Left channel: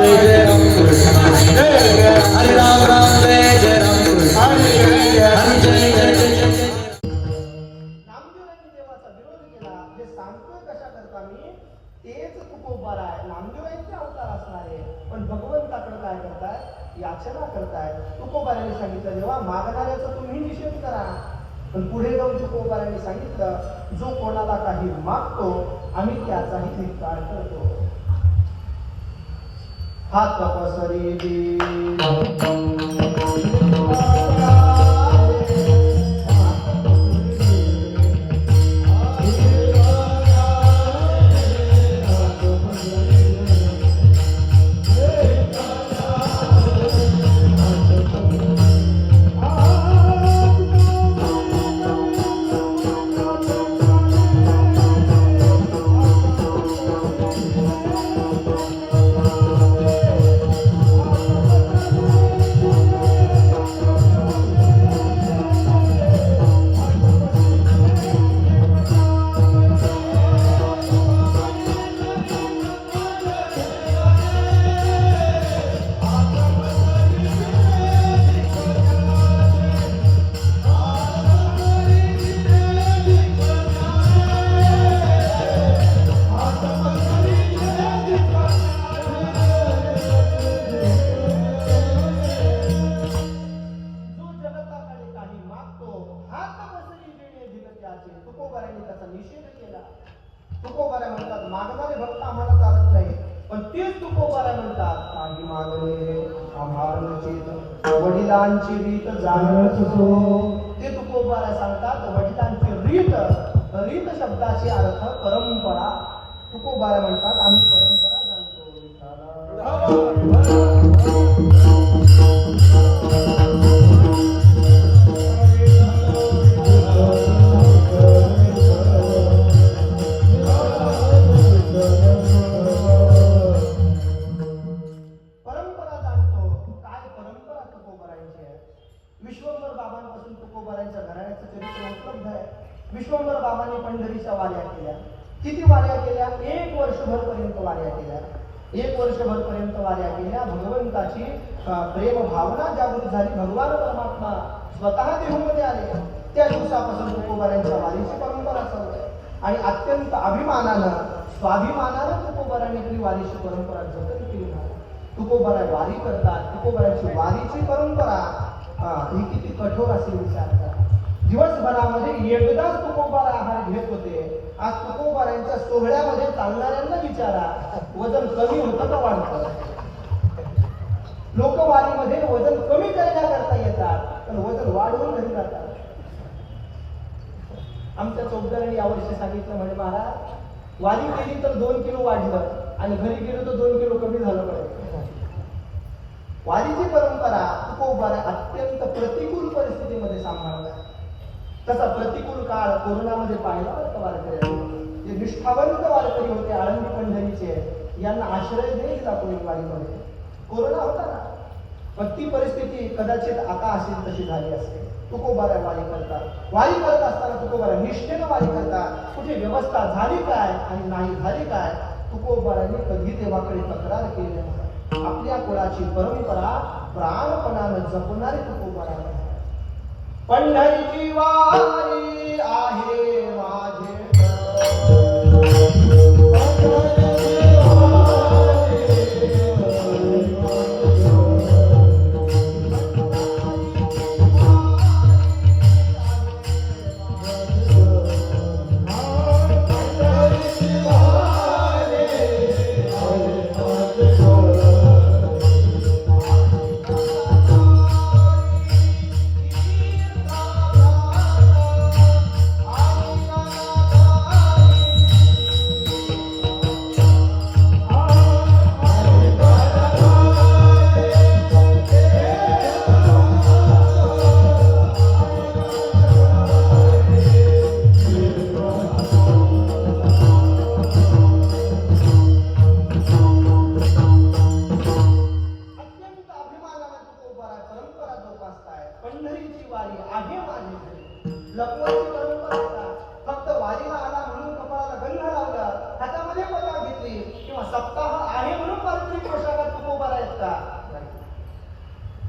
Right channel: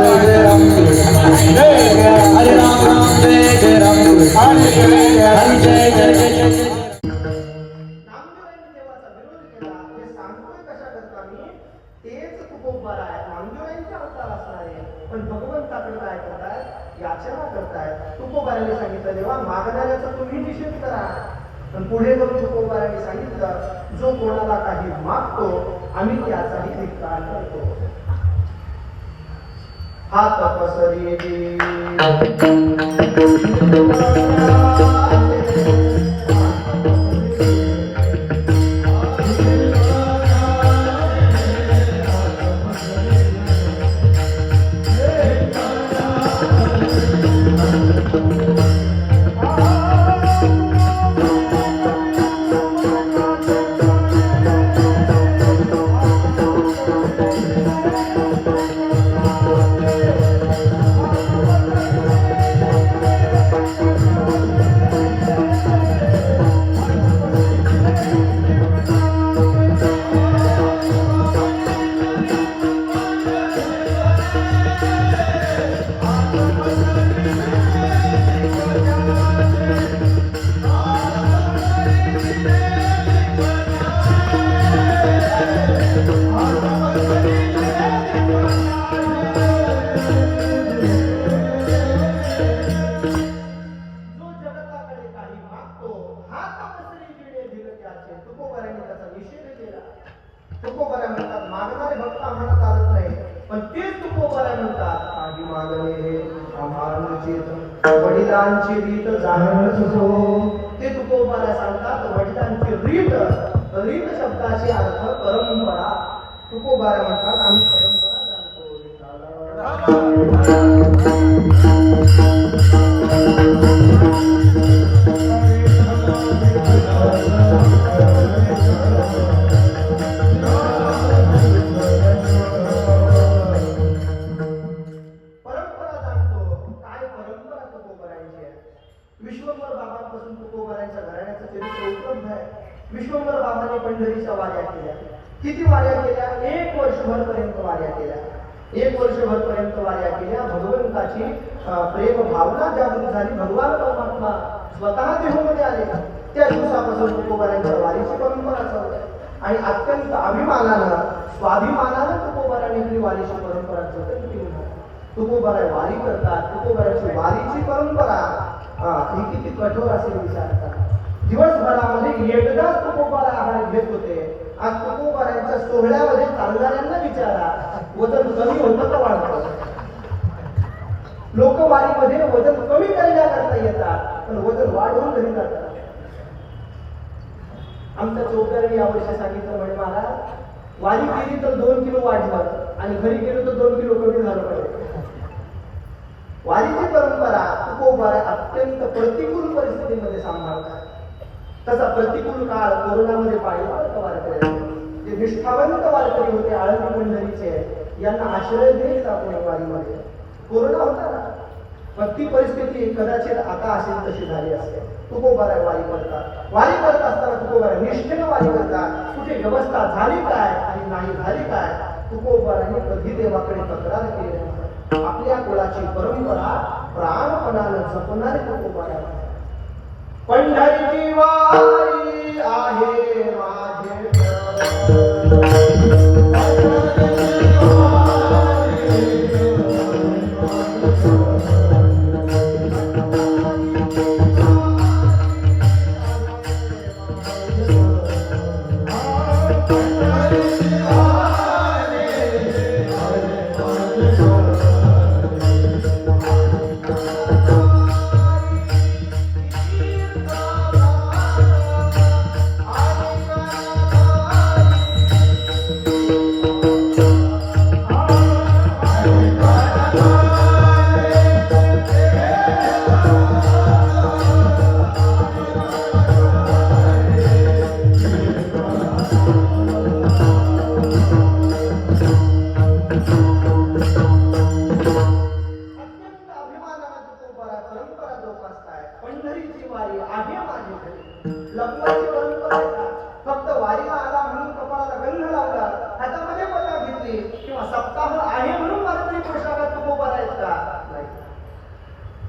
जय जय राम कृष्ण हरे राम राम जय जय राम कृष्ण हरे जय जय जय जय नामदेवांनी देवाचा विरोध केला हे सांगतोय कशा करता मी तेच तुकोबार आहे नामदेवांचे अवतार असणारे पण भगवंताकडे काय करतायत याचना करतायत तुकोबारांनी सांगितलं देवा मागणाऱ्याचा तुम्ही निषेध करा पण पुढे जाऊन तुकोबारांनी सांगितलं जो कोणाला काही मागतो आम्ही त्याचाही धिक्कार करतो हात पसरी तुकोबारांनी त्याचा निषेध केला तुकोबारा म्हणतात मागणारे भक्त आम्हाला चालत नाही पण तेच तुकोबारा म्हणतात काही मागणे आम्हाला वडिलांची रीत जाणत असो ते तुकोबारा सांगतात वडिलांची रीत रीत शब्दाचे अर्थ परंपरा तुकोबारा म्हणतात आम्ही परंपरा जाणतो विश्वंभर बाबांपासून तुकोबारांच्या घराण्याचं चरित्र उपलब्ध आहे विश्वंभर बाबांनी पंढरीच्या वाऱ्या केल्या किती वाऱ्या केल्या 1 वर्षभर पर्यंत वाऱ्या केल्या 1 वर्षभर पर्यंत वाऱ्या केल्या भगवंताची प्रेम भावना जागृत झाली भगवान परमात्मा स्वतः देहूमध्ये आले त्या दिवसापासून तुकोबारांच्या वारीची परंपरा चालू आहे आणि अत्यंत अभिमानानं स्वाभिमानानं तुकोबारांनी आपली वारीची परंपरा जतन केली तुकोबारा वारी करतात तुकोबारांची वारीची परंपरा ही किती कठोर असेल विचार करा दिवसभरामध्ये एकदाच तुकोबारा आहार घेत होते आज तुकोबारांच्या सोहळ्यामध्ये चालणाऱ्यांना विचारा वजन कमी होतं का वाढतं लोक वारीमध्ये वजन कमी करण्याकरता येतात पण वजन वाढवून घरी जातात आमच्या चौधरी यावर्षी सांगितलं म्हणे महाराज वारी केली तर 2 किलो वाढलं आणि घरी गेलो तर 2 किलो कमी झालं पाहिजे वारीची परंपरा तुकोबारा अत्यंत प्रतिकूल परिस्थितीमध्ये सांभाळतात तसा प्रतिकूल काळ कोरोनामध्ये पाहिला वारकरी जे निष्ठावंत वारकरी होते आळंदी पंढरीचे यांना आश्रय दिला कोणी वारीमध्ये कोरोना होता ना पण ती परिस्थिती कदाचित आता असेल तशी झाली असते तुकोबारा वारी करतात वारी करत असताना तुकोबारा निष्ठेनं वारी करतात कुठे व्यवस्था झाली काय आणि नाही झाली काय तुकोबारांनी कधी देवाकडे तक्रार केली नाही आपल्या कुळाची परंपरा प्राणपणानं जपणारे तुकोबारा पंढरीची वारी आहे माझे का नाही.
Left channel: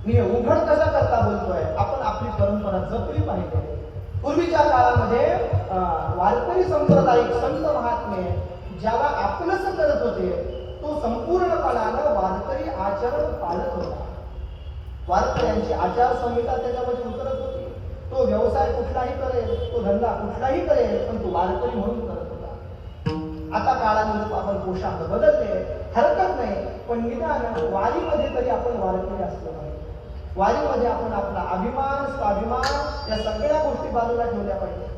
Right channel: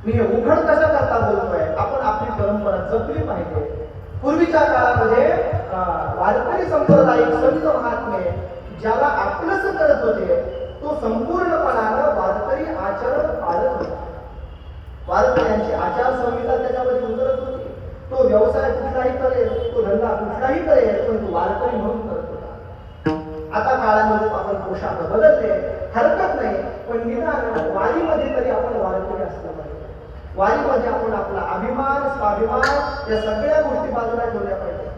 मी हे उघड कशा करता बोलतोय, आपण आपली परंपरा जपली पाहिजे. पूर्वीच्या काळामध्ये वारकरी संप्रदायिक संत महात्मे ज्याला आपलंच करत होते तो संपूर्णपणानं वारकरी आचरण पाळत होता. वारकऱ्यांची आचारसंहिता त्याच्यामध्ये उतरत होती. तो व्यवसाय कुठलाही करेल, तो धंदा कुठलाही करेल, पण तो वारकरी म्हणून करत होता. आता काळानुरूप आपण पोशाख बदलले, हरकत नाही, पण निदान वारीमध्ये तरी आपण वारकरी असलं पाहिजे. वारीमध्ये आपण आपला अभिमान स्वाभिमान या सगळ्या गोष्टी बाजूला ठेवल्या पाहिजे.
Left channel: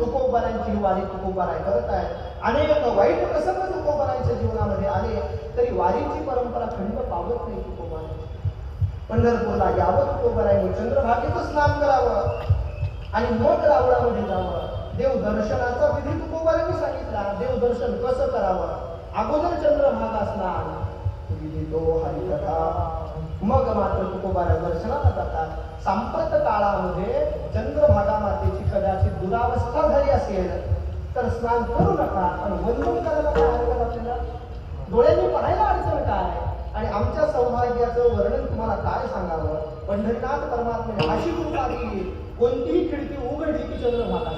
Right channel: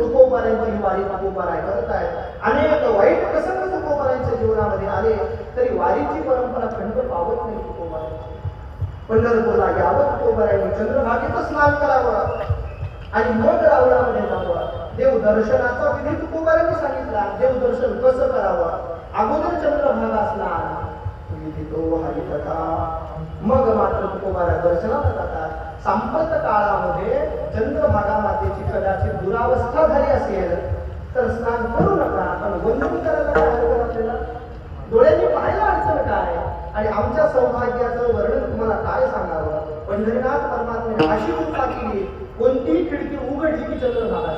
तुकोबारांची ही वारी तुकोबाराय करत आहे. अनेक वाईट प्रसंग तुकोबारांच्या जीवनामध्ये आले तरी वारीची परंपरा खंड पावत नाही. तुकोबारांची पंढरपूरला यावं, तुकोबारांनी चंद्रभागेचं स्नान करावं आणि मग रावणामध्ये जावं. देव दर्शनाचा विधी तुकोबारांनी सांगितला. देव दर्शन कसं करावं, अगोदर चंद्रभागा स्नान विधी तो हरिकथा, मग मात्र तुकोबारा दर्शनाला जातात. सांप्रत काळामध्ये चंद्रभागा मातेची कदाचित दुरावस्था झाली असेल तर स्नान करू नका, पण वंदन करायला काय हरकत आपल्याला? डोळ्यांनी पाहायला अडचण काय? आणि आमच्या सौभाग्याचं वर्णन तुम्हाला काय सांगावं? पंढरीनाथ परमात्म्याने अशी कृपा केली, कोणतीही खिडकी उघडली की चंद्रभागा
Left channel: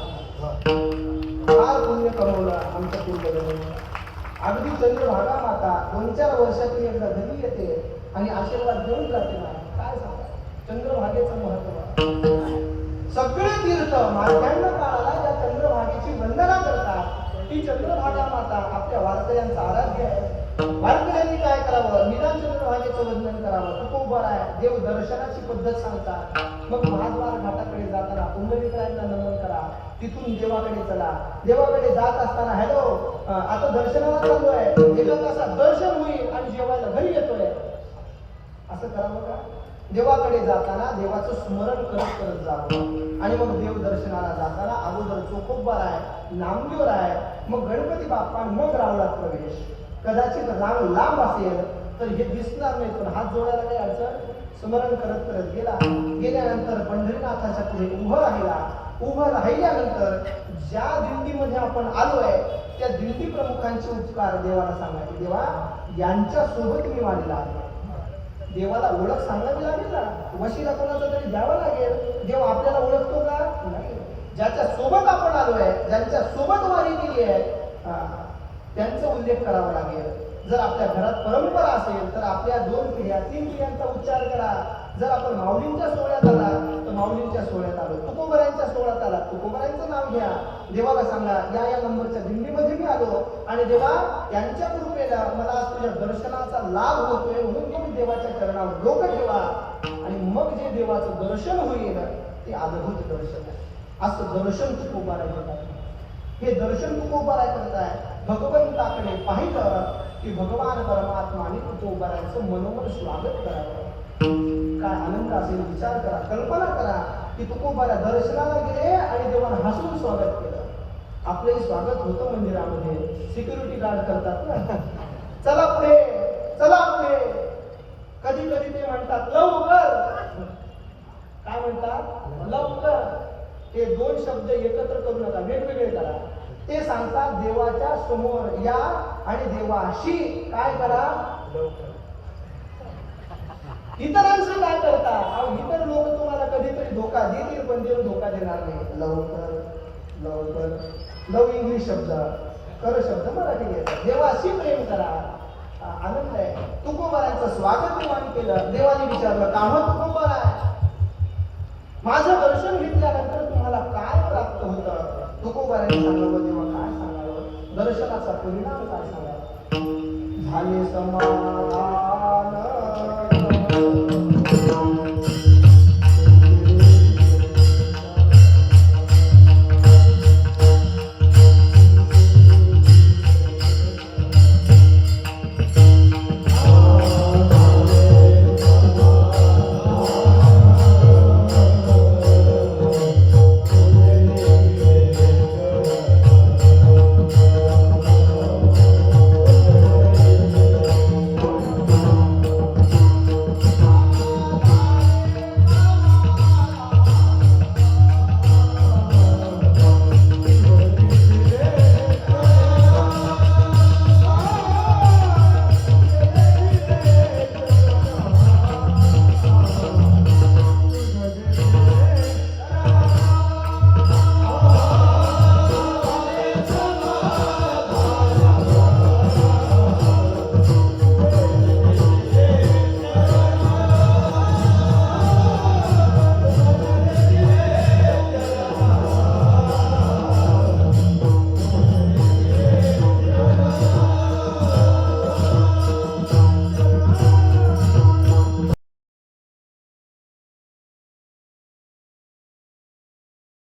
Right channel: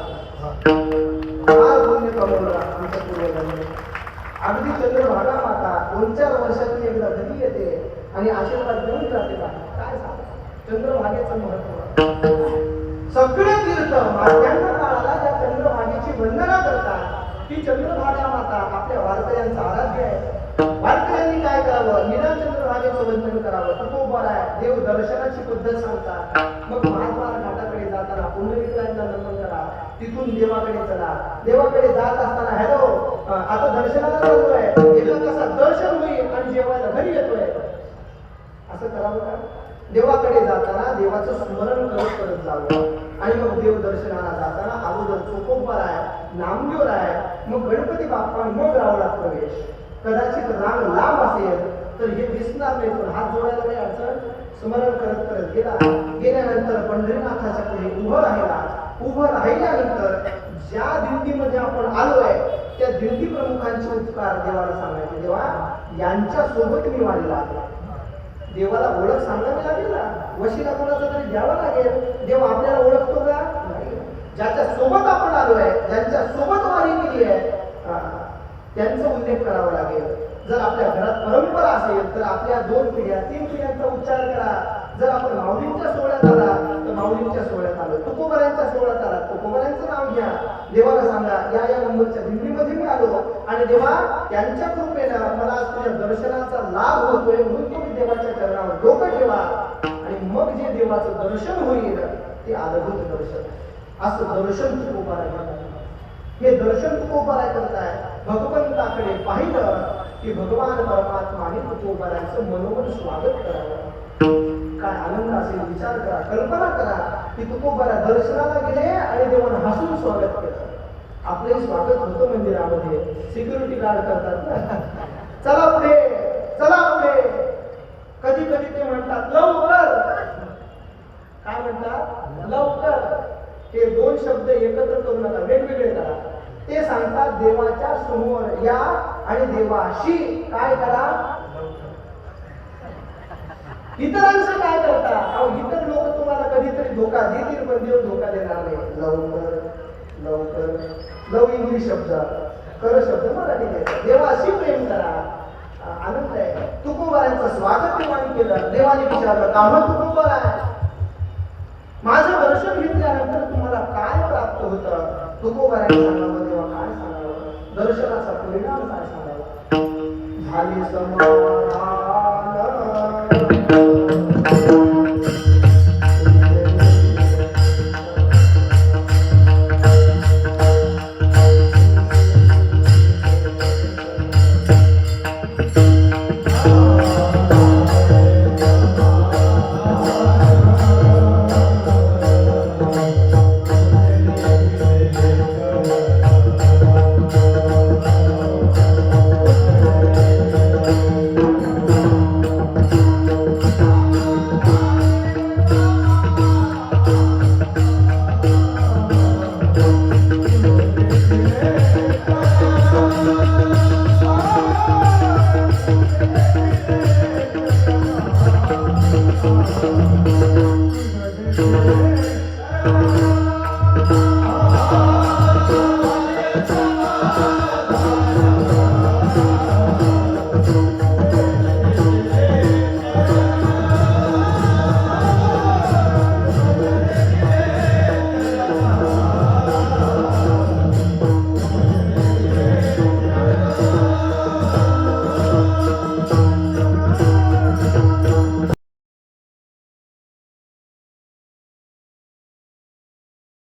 फार पुण्य कमवलं आमच्या पूर्वजांनी. अगदी चंद्रभागा माता 2-4 वर्षातून एकदा घरी येते आणि आशीर्वाद देऊन जाते. काय सांगा चंद्रभागेचं महत्व. सगळे तीर्थ मार्गांड काळाला ज्या चंद्रभागेची वंदना करतात ती चंद्रभागा माता आपल्या वारकऱ्यांचा आराध्य आहे. वारकऱ्यांनी काय करावं? निदान चंद्रभागेचं वंदन करावं. तुकोबाराय देव दर्शनाची पद्धत सांगतात. मग महाद्वार घाटाकडे जाताना पुंडलिकांना नमन करा, तिथून देवाकडे चला. देवाकडे जात असताना हॅलो आता दर्शनाला चाललोय, एका तासात दर्शन होईल आणि जेवायला घरी येतोय, असं करावं का? देवाकडे जाताना देवाचं स्मरण करत करत जावं. आणि मग देव दर्शनाला जाताना अगोदर तुकोबाराय, नामदेवराय, मग गणपती बाप्पा, मग रावणात प्रवेश. कदाचित रांग लांब असेल तर हे दिसणार नाही, पण हात जोडायला काही अडचण. स्मरण करत करत गेला. गेल्यानंतर पंढरीनाथाच्या पुढे उभं राहिला. उभं राहिल्यानंतर ज्या दिंडीमध्ये आपण आलोय त्या दिंडी प्रमुखांचे उपकार देवाला सांगायचे. देवा यांच्या सोबत मी वारीला आलो. देवाला ओळख सांगावी लागेल ना, वशिला कोणाचा तरी द्यावा लागेल. देव आपल्याला ओळखतो का? नाही. ज्याच्या सोबत आपण आलोय, ज्यांच्या सोबत वारी केली आहे त्यांचा उल्लेख करावा लागेल. जर आपल्या घरात परंपरा असेल तर आपल्या 2 पिढ्या 3 पिढ्यांचा उच्चार करा. जर आपण माऊलींच्या सोहळ्यात आला तर माऊलींच्या सोहळ्यात आलो. तुकोबारांच्या सोहळ्यात आला तुकोबारांचं नाव घ्या. देवाला सांगा या नंबरच्या दिंडीमध्ये मी आलो आणि देवा यांच्या कृपेनं मला आज तुझ्या दर्शनाचा लाभ होतोय, म्हणून तुम्ही देवाच्या चरणावर डोकं ठेवा. आणि मग जे देवाचं दर्शन होईल ते अद्भुत दर्शन. असं दर्शन तुकोबारा घेतात. हे दर्शन तुकोबारा करताय. भगवंताकडे पाहिलं की भगवान परमात्माने तुकोबारांचं मनोमन स्वागत करावं. काय आनंद असेल विचार करा, कल्पना करा की तुकोबारा दर्शनाला गेले आणि देवानं हसून स्वागत केलं. आपलंही स्वागत होतं मंदिरामध्ये, सिक्युरिटी गार्ड करतात ना, चला पुढे चला पुढे. कधी कधी ते म्हणतात लवकर. काय म्हणतात? लवकर. हे 2 शब्द एकत्र करू नका, वेगवेगळे करा. ते सांगतात देवाच्या समोर या आणि देवाशी काय करा. इतरांचं काय करता? अहो इतर लोक तुम्हाला कधीतरी धोका देतील, पण देव धोका देणार नाही. लवकर लवकर. लव इंग्लिश शब्द, कर शब्द मराठी आहे. देवाशी प्रेम करा. आनंद आहे. तुकोबारांचं स्वागत देवाने केलं. देवाने विचारलं का मग तुकोबारा आहे, माझं दर्शन घेतल्यानंतर तुम्हाला काय प्राप्त होतं? तुकोबारांनी सांगावं. देवा काय सांगावं? दर्शनाचा परिणाम काय सांगावा? झाले समाधान